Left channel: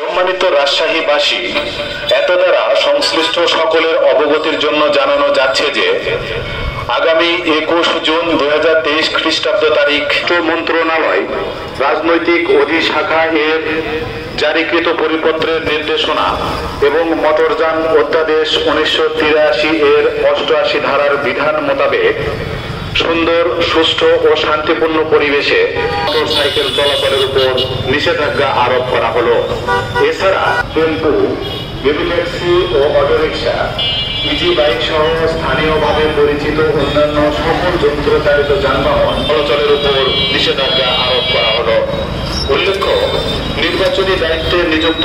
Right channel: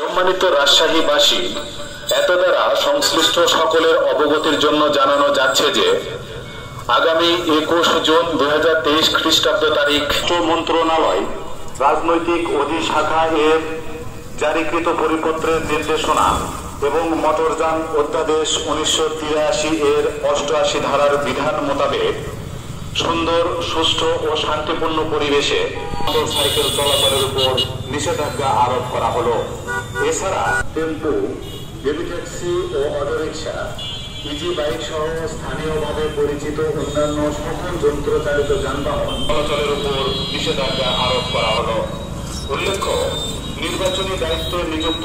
সম্মানিত রাজশাহীবাসী, এত দ্বারা সংশ্লিষ্ট সকলের অবগতির জন্য জানানো যাচ্ছে যে আগামী 21 জুন 2023 খ্রিস্টাব্দ তারিখ মন্ত্রণালয় রাজনৈতিক অধিশাখা এর জারিকৃত পরিপত্রের নির্দেশনা এবং মোটরযান অধ্যাদেশ 1983 এর 88 ধারার বিধান মোতাবেক সুন্দর, সুষ্ঠু ও শান্তিপূর্ণ পরিবেশে মোটরসাইকেল চলাচলের উপর নিষেধাজ্ঞা আরোপ করা হলো। এছাড়া টেম্পু, বেবি ট্যাক্সি ও অটোরিকশা, ইজি বাইক সহ স্থানীয়ভাবে পরিচিত অন্যান্য সকল যন্ত্রচালিত যানবাহন চলাচলের উপর নিষেধাজ্ঞা আরোপ করা হলো। উল্লেখ্য, নির্বাচনী দায়িত্বে নিযুক্ত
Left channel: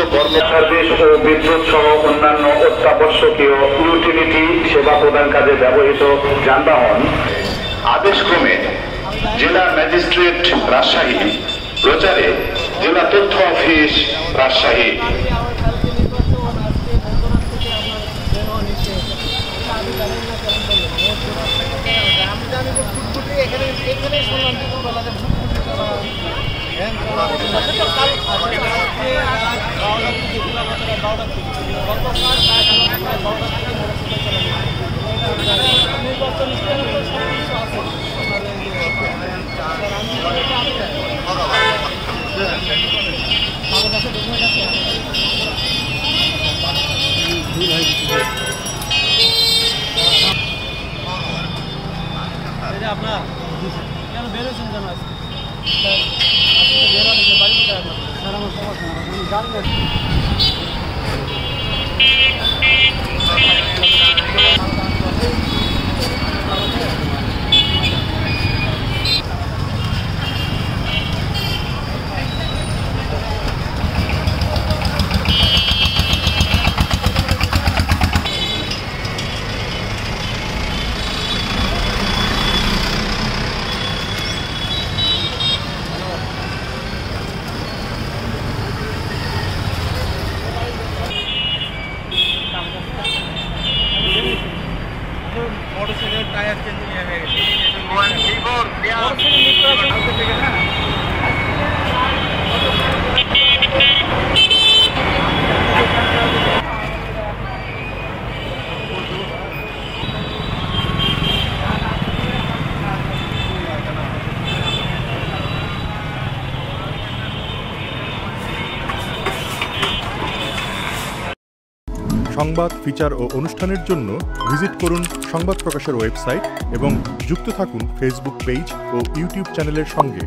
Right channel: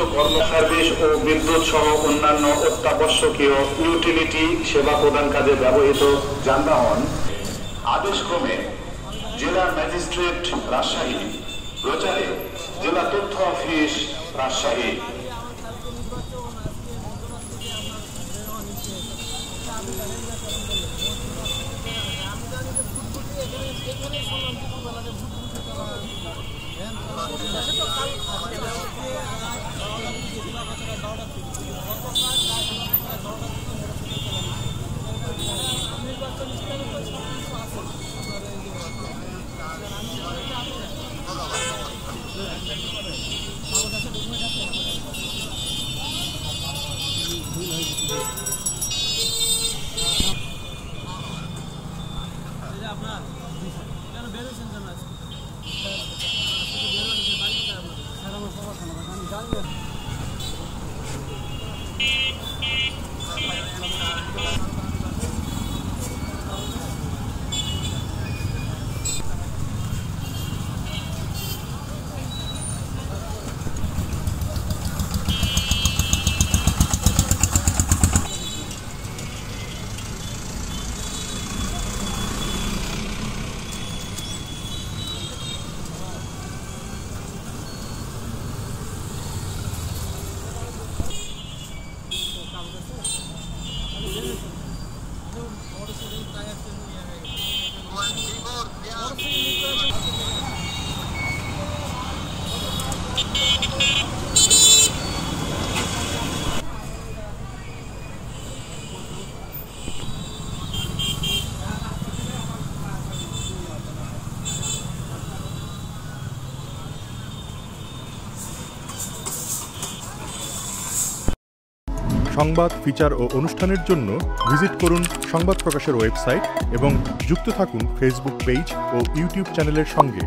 সার্ভিস ও বিদ্যুৎ সহ অন্যান্য অত্যাবশ্যকীয় ইউটিলিটি সেবা প্রদান কাজে ব্যবহৃত যানবাহন আদেশক্রমে জেলা ম্যাজিস্ট্রেট রাজশাহী, প্রচারে জেলা তথ্য অফিস রাজশাহী। আপনার কেন বেরোচ্ছেন কেন আজকে বেরোনি বাড়ি কোথায় আপনার? স্যার আমার সমস্যা না, আমি জানবেন। মোটরসাইকেলের টায়ার চেঞ্জিং হয়ে গেছে। সংবাদ, ফিচার ও অনুষ্ঠানের জন্য ভিজিট করুন সংবাদ প্রকাশের ওয়েবসাইট এবং যুক্ত থাকুন ফেসবুক পেজ ও ইউটিউব চ্যানেলের সঙ্গে।